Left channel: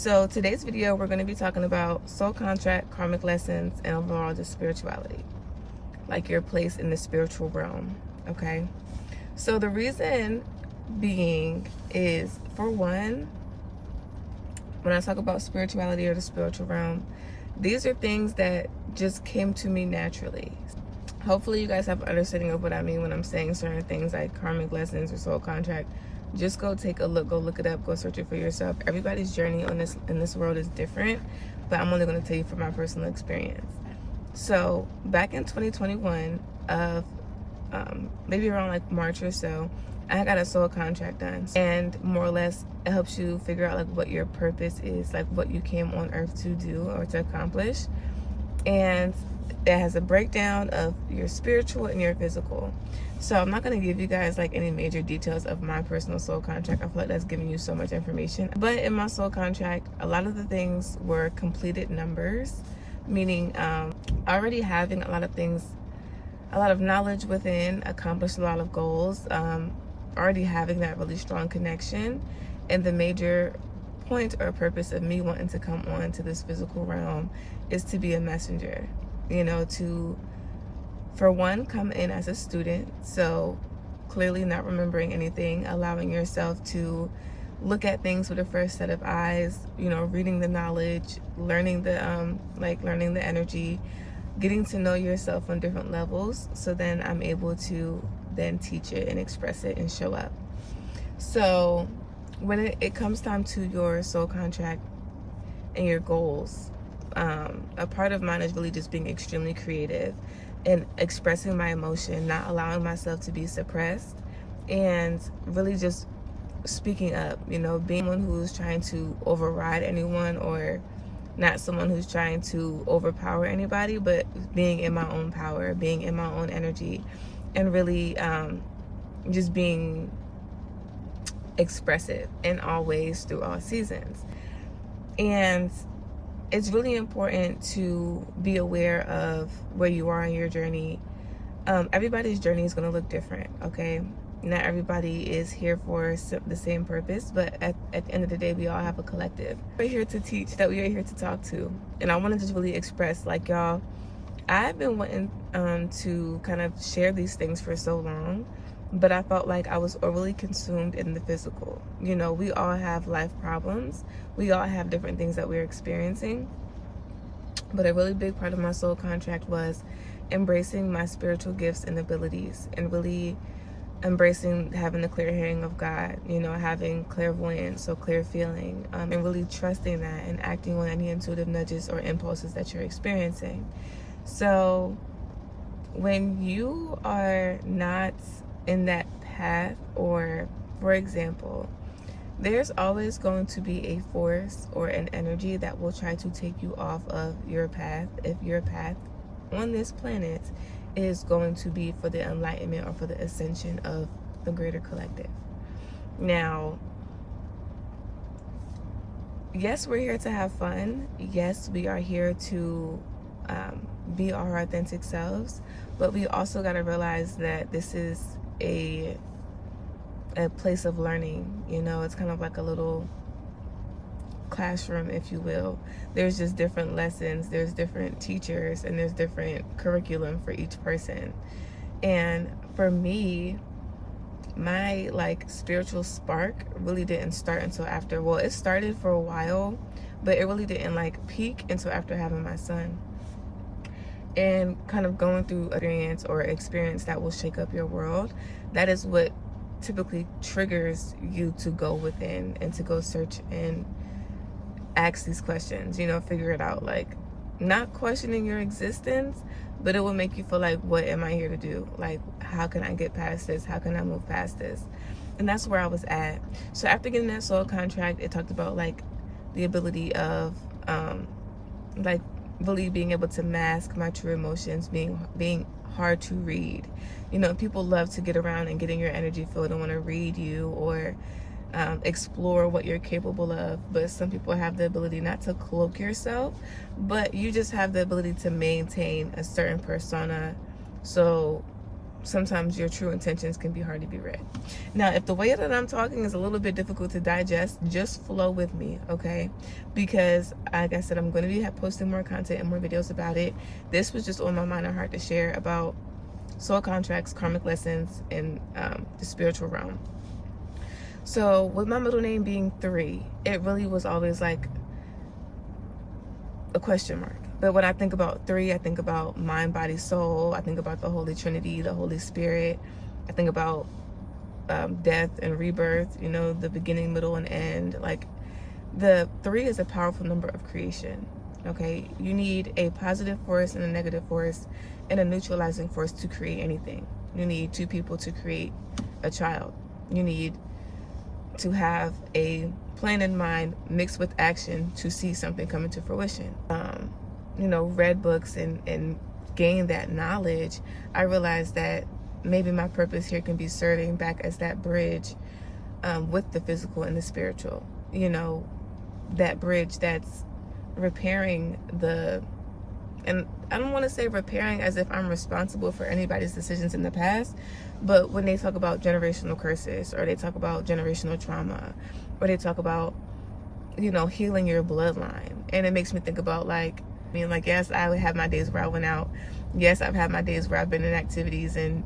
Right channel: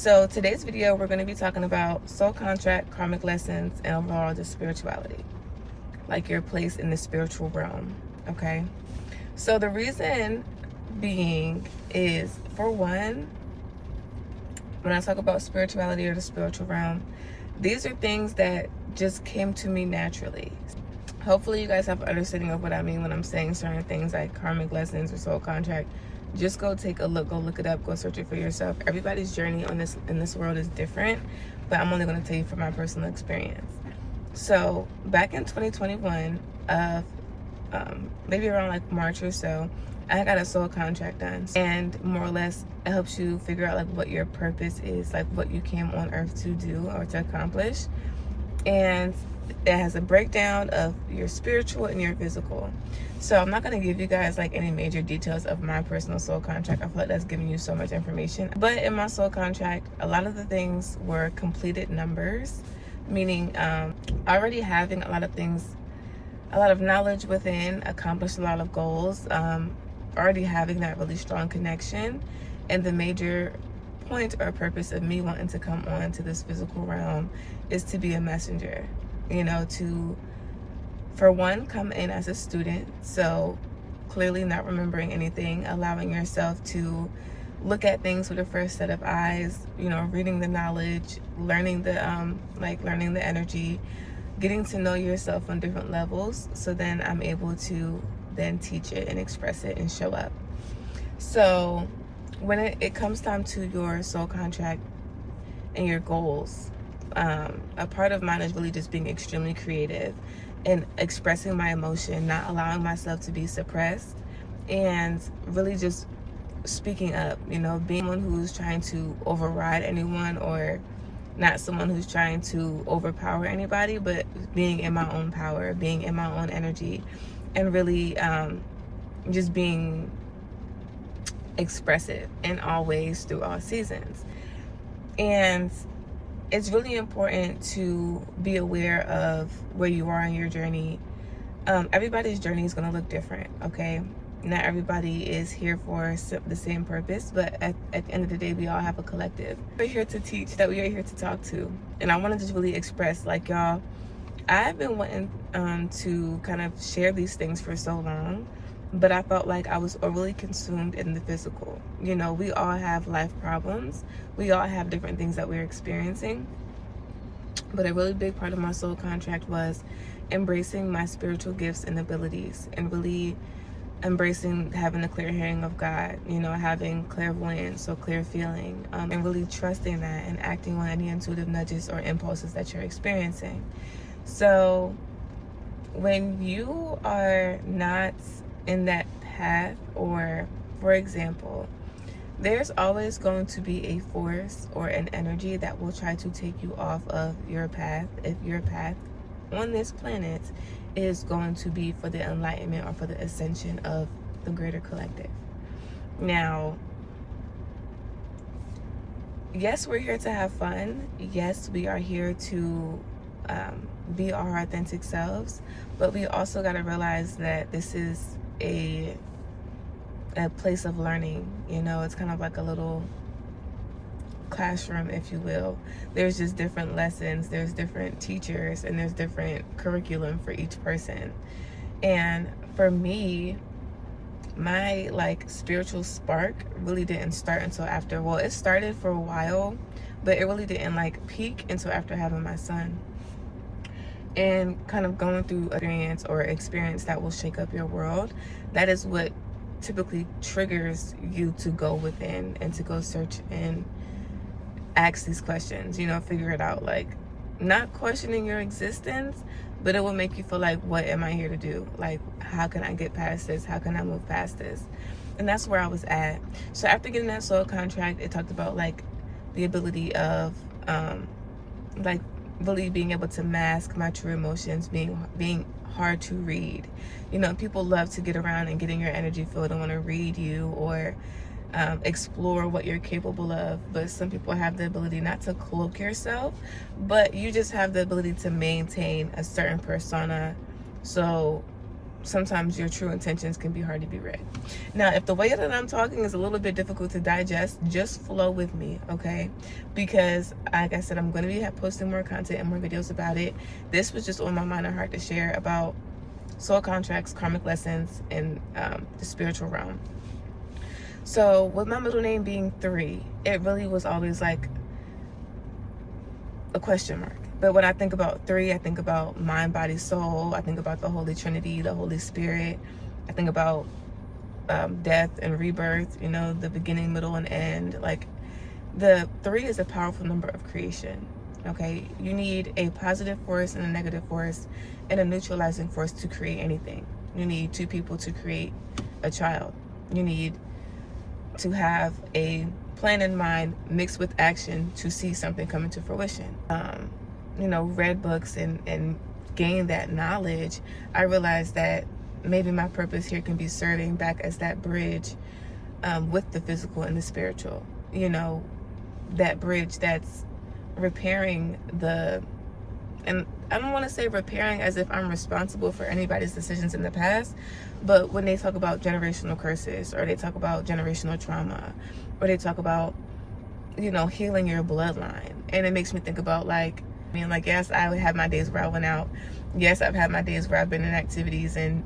So today's video, we're going to be talking about soul contract, karmic lessons, and overall just spirituality, like your place in the spiritual realm. Okay, so the reason being is, for one, when I talk about spirituality or the spiritual realm, these are things that just came to me naturally. Hopefully you guys have an understanding of what I mean when I'm saying certain things like karmic lessons or soul contract. Just go take a look, go look it up, go search it for yourself. Everybody's journey on this in this world is different, but I'm only going to tell you from my personal experience. So back in 2021, of maybe around like March or so, I got a soul contract done, and more or less it helps you figure out like what your purpose is, like what you came on earth to do or to accomplish. And it has a breakdown of your spiritual and your physical. So I'm not going to give you guys like any major details of my personal soul contract. I feel like that's giving you so much information. But in my soul contract, a lot of the things were completed numbers, meaning already having a lot of things, a lot of knowledge within, accomplished a lot of goals, already having that really strong connection. And the major point or purpose of me wanting to come on to this physical realm is to be a messenger, you know, to, for one, come in as a student. So clearly not remembering anything, allowing yourself to look at things with a fresh set of eyes, you know, reading the knowledge, learning the learning the energy, getting to know yourself on different levels, so then I'm able to then teach it and express it and show up. So when it comes time to your soul contract and your goals, a part of mine is really just being extremely creative and expressing my emotion, not allowing myself to be suppressed, and really just speaking up, you know, being someone who's trying to override anyone, or not someone who's trying to overpower anybody, but being in my own power, being in my own energy, and really just being expressive in all ways through all seasons. And it's really important to be aware of where you are in your journey. Everybody's journey is going to look different, okay? Not everybody is here for the same purpose, but at the end of the day, we all have a collective. We're here to teach, that we are here to talk to. And I want to just really express, like, y'all, I've been wanting to kind of share these things for so long, but I felt like I was overly consumed in the physical. You know, we all have life problems. We all have different things that we're experiencing. But a really big part of my soul contract was embracing my spiritual gifts and abilities, and really embracing having the clear hearing of God, you know, having clairvoyance, so clear feeling, and really trusting that and acting on any intuitive nudges or impulses that you're experiencing. So when you are not in that path, or for example, there's always going to be a force or an energy that will try to take you off of your path, if your path on this planet is going to be for the enlightenment or for the ascension of the greater collective. Now, yes, we're here to have fun. Yes, we are here to be our authentic selves, but we also got to realize that this is a place of learning. You know, it's kind of like a little classroom, if you will. There's just different lessons, there's different teachers, and there's different curriculum for each person. And for me, my like spiritual spark really didn't start until after, well, it started for a while, but it really didn't like peak until after having my son, and kind of going through experience that will shake up your world. That is what typically triggers you to go within and to go search and ask these questions, you know, figure it out. Like, not questioning your existence, but it will make you feel like, what am I here to do? Like, how can I get past this? How can I move past this? And that's where I was at. So after getting that soul contract, it talked about like the ability of like really being able to mask my true emotions, being hard to read. You know, people love to get around and get in your energy field and want to read you, or explore what you're capable of. But some people have the ability not to cloak yourself, but you just have the ability to maintain a certain persona. So sometimes your true intentions can be hard to be read. Now, if the way that I'm talking is a little bit difficult to digest, just flow with me, okay? Because, like I said, I'm going to be posting more content and more videos about it. This was just on my mind and heart to share about soul contracts, karmic lessons, and the spiritual realm. So, with my middle name being 3, it really was always like a question mark. But when I think about 3, I think about mind, body, soul. I think about the Holy Trinity, the Holy Spirit. I think about death and rebirth, you know, the beginning, middle, and end. Like, the 3 is a powerful number of creation, okay? You need a positive force and a negative force and a neutralizing force to create anything. You need 2 people to create a child. You need to have a plan in mind mixed with action to see something come into fruition. You know, read books and gain that knowledge, I realized that maybe my purpose here can be serving back as that bridge with the physical and the spiritual. You know, that bridge that's repairing and I don't want to say repairing as if I'm responsible for anybody's decisions in the past, but when they talk about generational curses, or they talk about generational trauma, or they talk about, you know, healing your bloodline, and it makes me think about, like, I mean, like, yes, I have my days where I went out. Yes, I've had my days where I've been in activities and,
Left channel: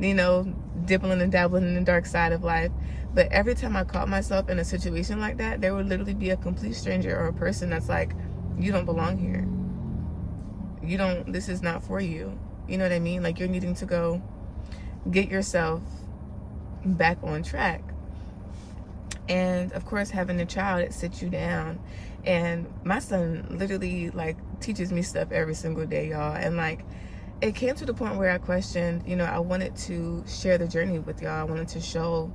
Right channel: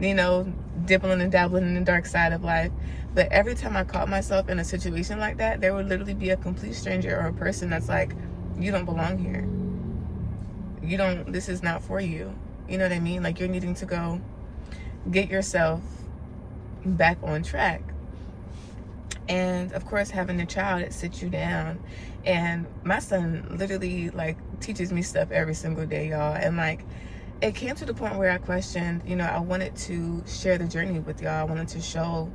you know, dipping and dabbling in the dark side of life. But every time I caught myself in a situation like that, there would literally be a complete stranger or a person that's like, you don't belong here. This is not for you. You know what I mean? Like, you're needing to go get yourself back on track. And of course, having a child, it sits you down. And my son literally, like, teaches me stuff every single day, y'all. And, like, it came to the point where I questioned, you know, I wanted to share the journey with y'all. I wanted to show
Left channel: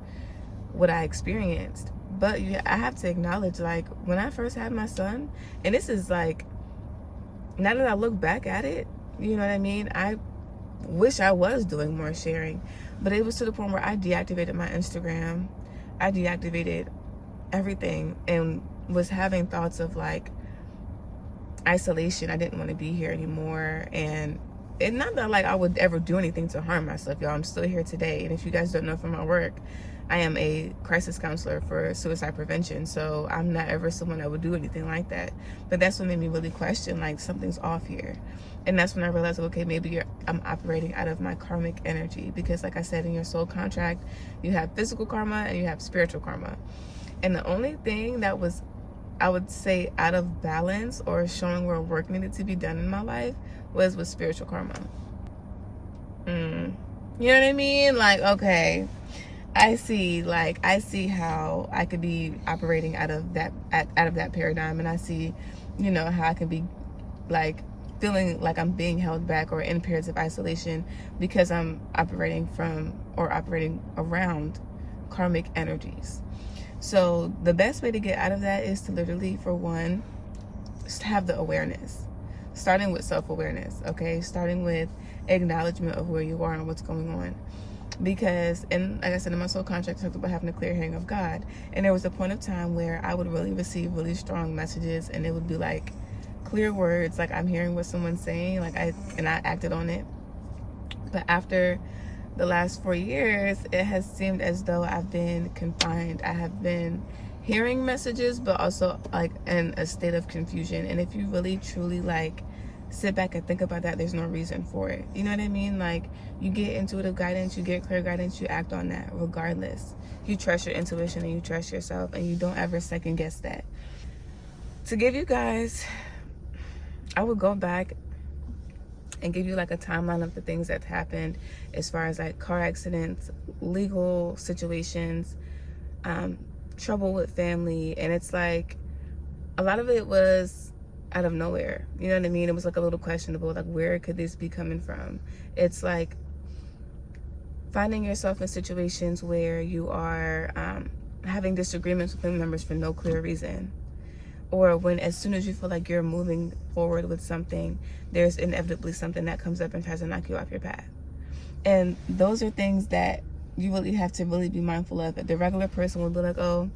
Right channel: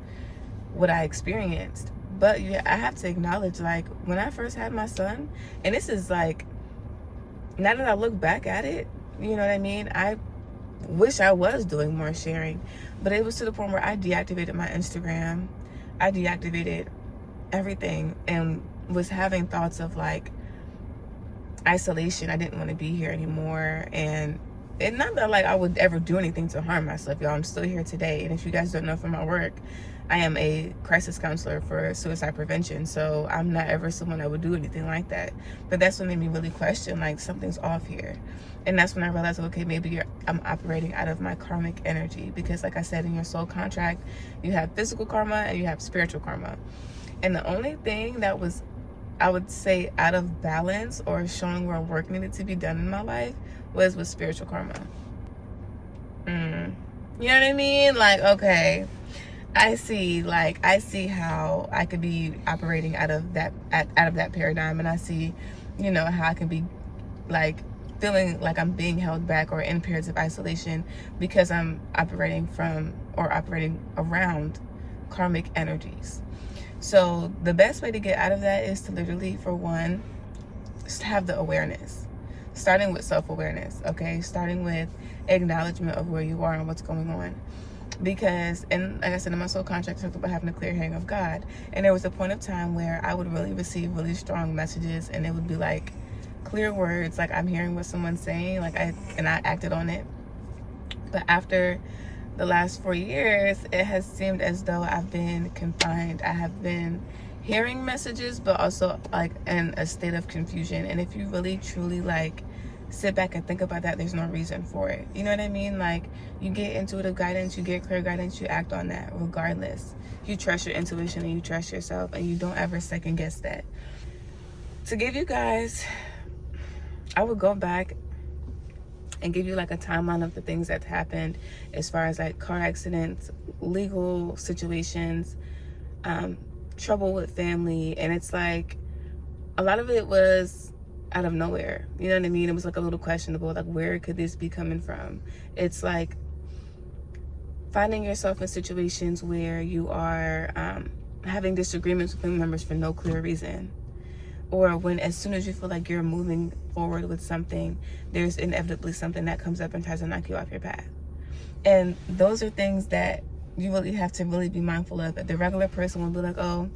what I experienced. But yeah, I have to acknowledge, like, when I first had my son, and this is like, now that I look back at it, you know what I mean? I wish I was doing more sharing. But it was to the point where I deactivated my Instagram. I deactivated everything and was having thoughts of, like, isolation. I didn't want to be here anymore. And not that, like, I would ever do anything to harm myself, y'all. I'm still here today. And if you guys don't know from my work, I am a crisis counselor for suicide prevention. So I'm not ever someone that would do anything like that. But that's what made me really question, like, something's off here. And that's when I realized, okay, maybe I'm operating out of my karmic energy. Because, like I said, in your soul contract, you have physical karma and you have spiritual karma. And the only thing that was, I would say, out of balance or showing where work needed to be done in my life was with spiritual karma. You know what I mean? Like, okay, I see how I could be operating out of that paradigm, and I see, you know, how I could be, like, feeling like I'm being held back or in periods of isolation because I'm operating around karmic energies. So the best way to get out of that is to literally, for one, just have the awareness, starting with self-awareness, okay? Starting with acknowledgement of where you are and what's going on. Because, and like I said, in my soul contract, I talked about having a clear hearing of God. And there was a point of time where I would really receive really strong messages, and it would be like clear words, like I'm hearing what someone's saying, I acted on it. But after the last 4 years, it has seemed as though I've been confined. I have been hearing messages, but also, like, in a state of confusion. And if you really truly, like, sit back and think about that, there's no reason for it. You know what I mean? Like, you get intuitive guidance, you get clear guidance, you act on that regardless. You trust your intuition and you trust yourself, and you don't ever second guess that. To give you guys, I would go back and give you, like, a timeline of the things that happened as far as, like, car accidents, legal situations, trouble with family. And it's like, a lot of it was out of nowhere. You know what I mean? It was, like, a little questionable, like, where could this be coming from? It's like finding yourself in situations where you are having disagreements with family members for no clear reason. Or when, as soon as you feel like you're moving forward with something, there's inevitably something that comes up and tries to knock you off your path. And those are things that you really have to really be mindful of. The regular person will be like, oh,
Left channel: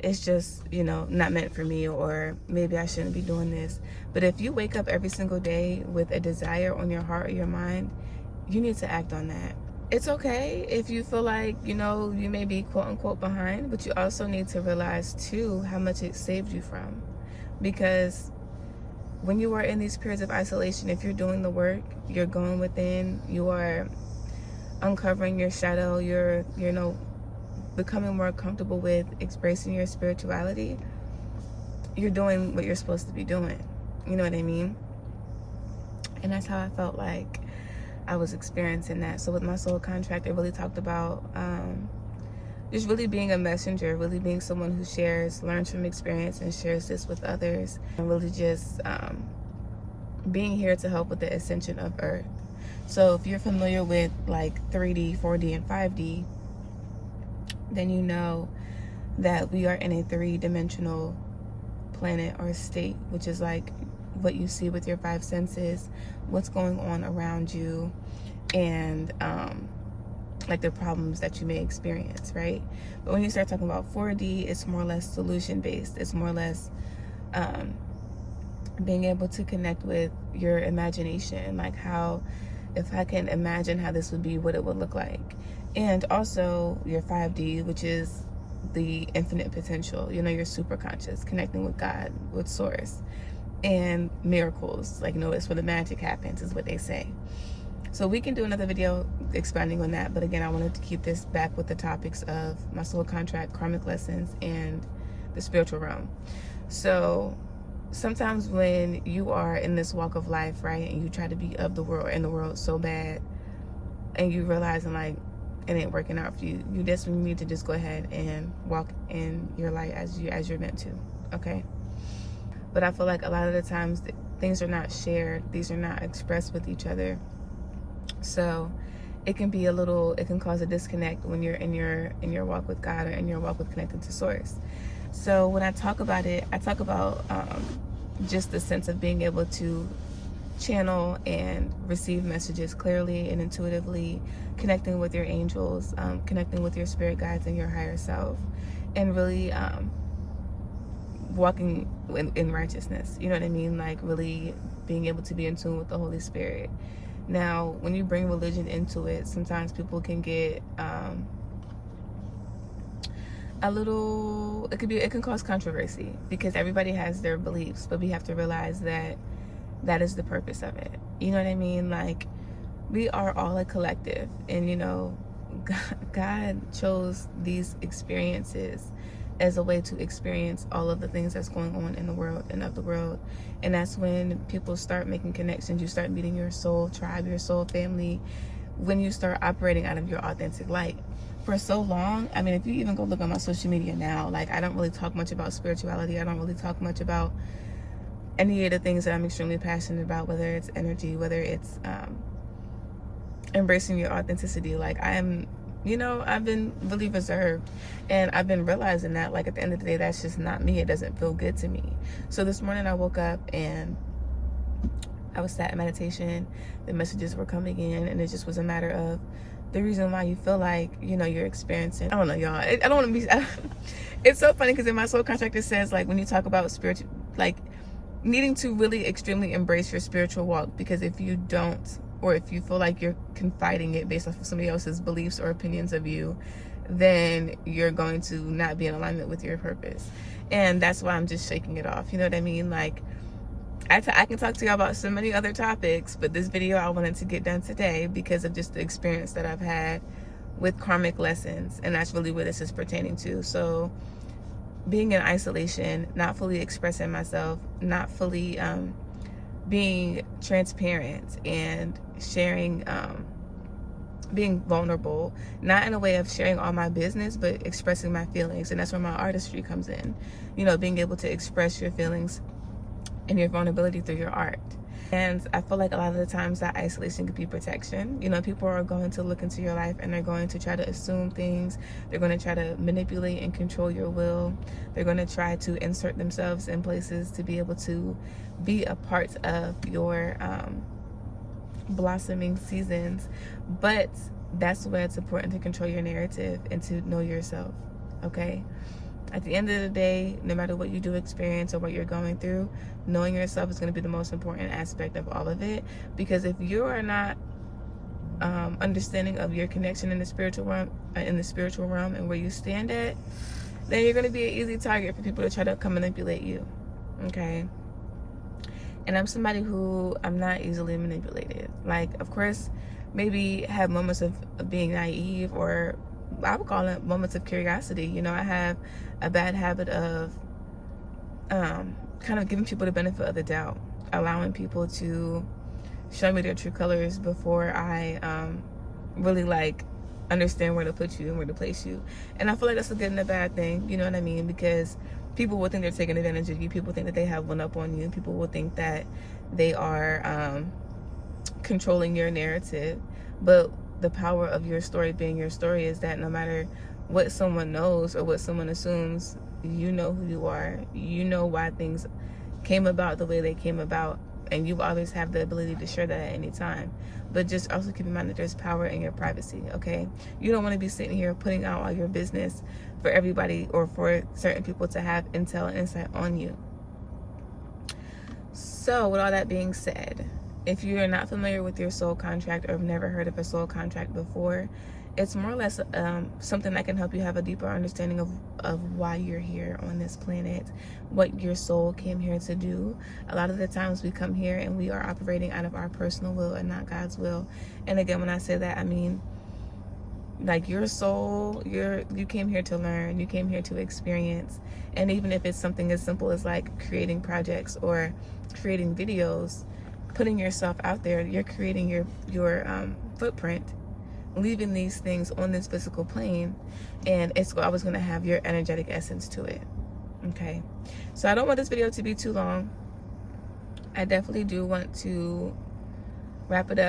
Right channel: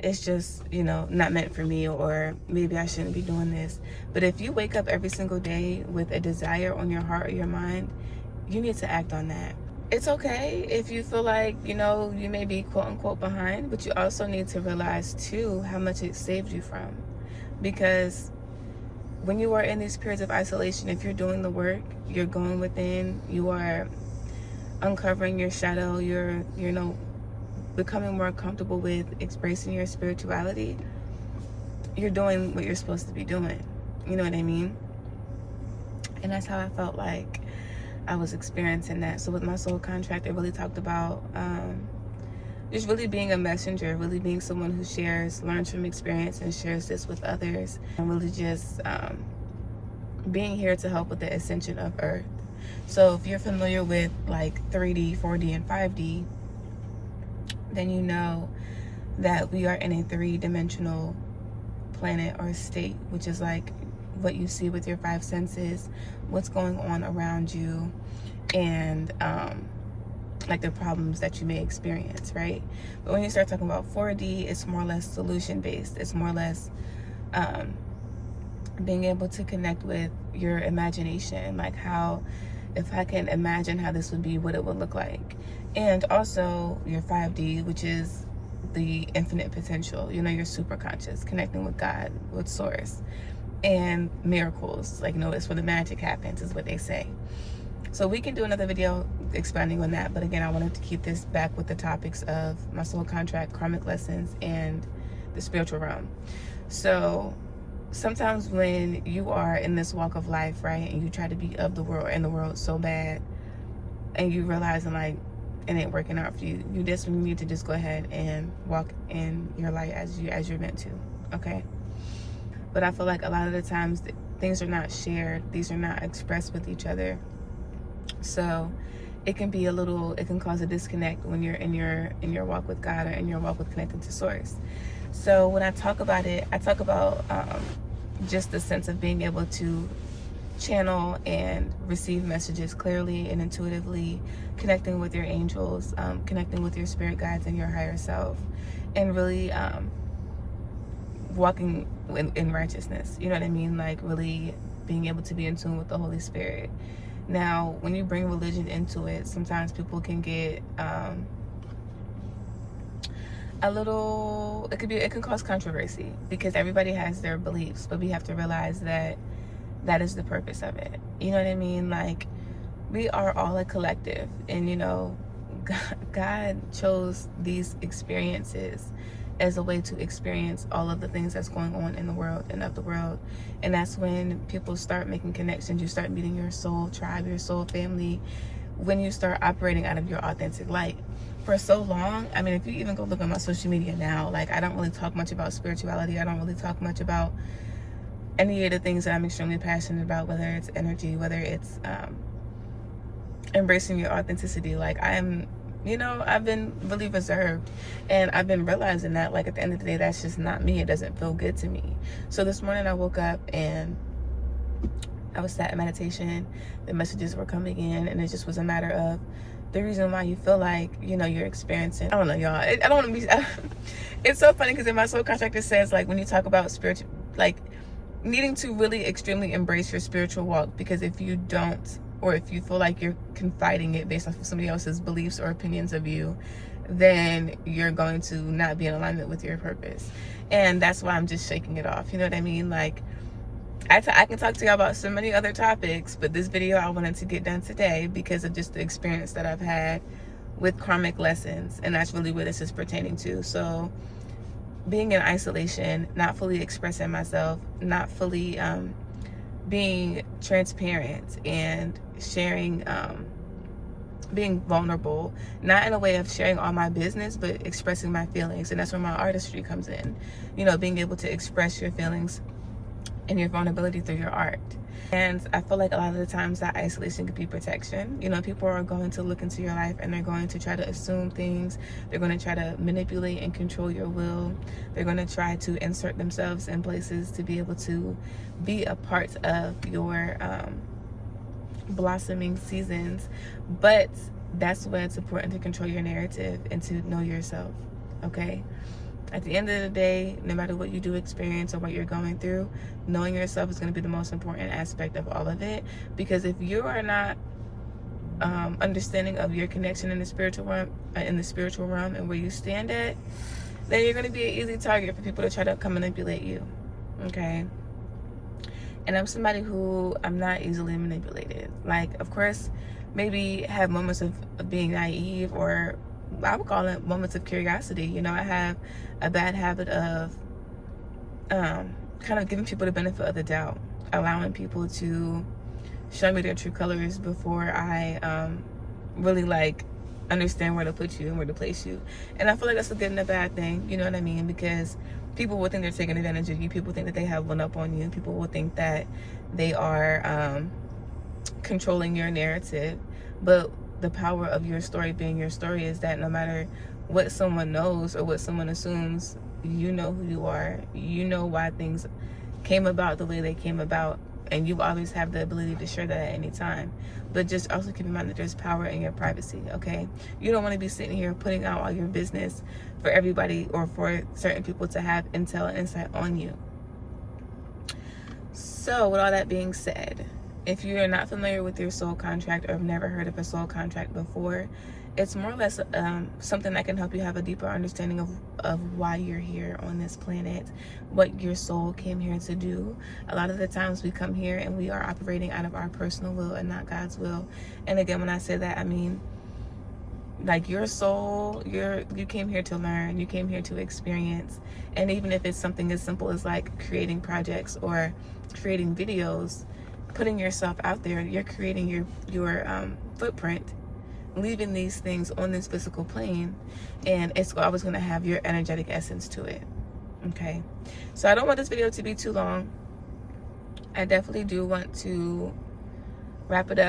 it's just, you know, not meant for me, or maybe I shouldn't be doing this. But if you wake up every single day with a desire on your heart or your mind, you need to act on that. it's okay if you feel like, you know, you may be quote unquote behind, but you also need to realize too how much it saved you from. Because when you are in these periods of isolation, if you're doing the work, you're going within, you are uncovering your shadow, you're, you know, becoming more comfortable with embracing your spirituality, you're doing what you're supposed to be doing. You know what I mean? And that's how I felt like I was experiencing that. So with my soul contract, it really talked about just really being a messenger, really being someone who shares, learns from experience and shares this with others, and really just being here to help with the ascension of Earth. So if you're familiar with like 3D, 4D, and 5D, then you know that we are in a three-dimensional planet or state, which is like what you see with your five senses, what's going on around you, and like the problems that you may experience, right? But when you start talking about 4D, it's more or less solution based. It's more or less being able to connect with your imagination, like how, if I can imagine how this would be, what it would look like. And also your 5D, which is the infinite potential, you know, your super conscious, connecting with God, with source, and miracles, like, you know, that's where the magic happens, is what they say. So we can do another video expanding on that, but again, I wanted to keep this back with the topics of my soul contract, karmic lessons, and the spiritual realm. So sometimes when you are in this walk of life, right, and you try to be of the world and the world so bad, and you realizing like it ain't working out for you, you just need to just go ahead and walk in your light as you're meant to, okay? But I feel like a lot of the times things are not shared, these are not expressed with each other. So it can be it can cause a disconnect when you're in your walk with God or in your walk with connecting to source. So when I talk about it, I talk about just the sense of being able to channel and receive messages clearly and intuitively, connecting with your angels, connecting with your spirit guides and your higher self, and really walking in righteousness. You know what I mean? Like really being able to be in tune with the Holy Spirit. Now, when you bring religion into it, sometimes people can get it can cause controversy because everybody has their beliefs, but we have to realize that that is the purpose of it. You know what I mean? Like, we are all a collective, and you know, God chose these experiences as a way to experience all of the things that's going on in the world and of the world. And that's when people start making connections. You start meeting your soul tribe, your soul family, when you start operating out of your authentic light. For so long, I mean, if you even go look on my social media now, like, I don't really talk much about spirituality. I don't really talk much about any of the things that I'm extremely passionate about, whether it's energy, whether it's embracing your authenticity. Like, you know, I've been really reserved, and I've been realizing that, like, at the end of the day, that's just not me. It doesn't feel good to me. So this morning I woke up and I was sat in meditation. The messages were coming in, and it just was a matter of the reason why you feel like, you know, you're experiencing, I don't know, y'all. I don't want to be, it's so funny because in my soul contract it says, like, when you talk about spiritual, like, needing to really extremely embrace your spiritual walk, because if you don't, or if you feel like you're confiding it based off of somebody else's beliefs or opinions of you, then you're going to not be in alignment with your purpose. And that's why I'm just shaking it off. You know what I mean? Like, I can talk to you about so many other topics, but this video I wanted to get done today because of just the experience that I've had with karmic lessons, and that's really what this is pertaining to. So being in isolation, not fully expressing myself, not fully being transparent and sharing, being vulnerable, not in a way of sharing all my business, but expressing my feelings. And that's where my artistry comes in, you know, being able to express your feelings and your vulnerability through your art. And I feel like a lot of the times that isolation could be protection. You know, people are going to look into your life and they're going to try to assume things. They're going to try to manipulate and control your will. They're going to try to insert themselves in places to be able to be a part of your blossoming seasons. But that's when it's important to control your narrative and to know yourself, okay? At the end of the day, no matter what you do experience or what you're going through, knowing yourself is going to be the most important aspect of all of it. Because if you are not understanding of your connection in the spiritual realm, and where you stand at, then you're going to be an easy target for people to try to come manipulate you. Okay. And I'm somebody who, I'm not easily manipulated. Like, of course, maybe have moments of being naive, or I would call it moments of curiosity. You know, I have a bad habit of kind of giving people the benefit of the doubt, allowing people to show me their true colors before I really like understand where to put you and where to place you. And I feel like that's a good and a bad thing, you know what I mean? Because people will think they're taking advantage of you. People think that they have one up on you. People will think that they are controlling your narrative. But the power of your story being your story is that no matter what someone knows or what someone assumes, you know who you are. You know why things came about the way they came about. And you always have the ability to share that at any time. But just also keep in mind that there's power in your privacy, okay? You don't want to be sitting here putting out all your business for everybody or for certain people to have intel and insight on you. So with all that being said, if you're not familiar with your soul contract or have never heard of a soul contract before, it's more or less something that can help you have a deeper understanding of why you're here on this planet, what your soul came here to do. A lot of the times we come here and we are operating out of our personal will and not God's will. And again, when I say that, I mean, like, your soul, you came here to learn, you came here to experience. And even if it's something as simple as like creating projects or creating videos, putting yourself out there, you're creating your footprint, leaving these things on this physical plane, and it's always going to have your energetic essence to it. Okay, so I don't want this video to be too long. I definitely do want to wrap it up.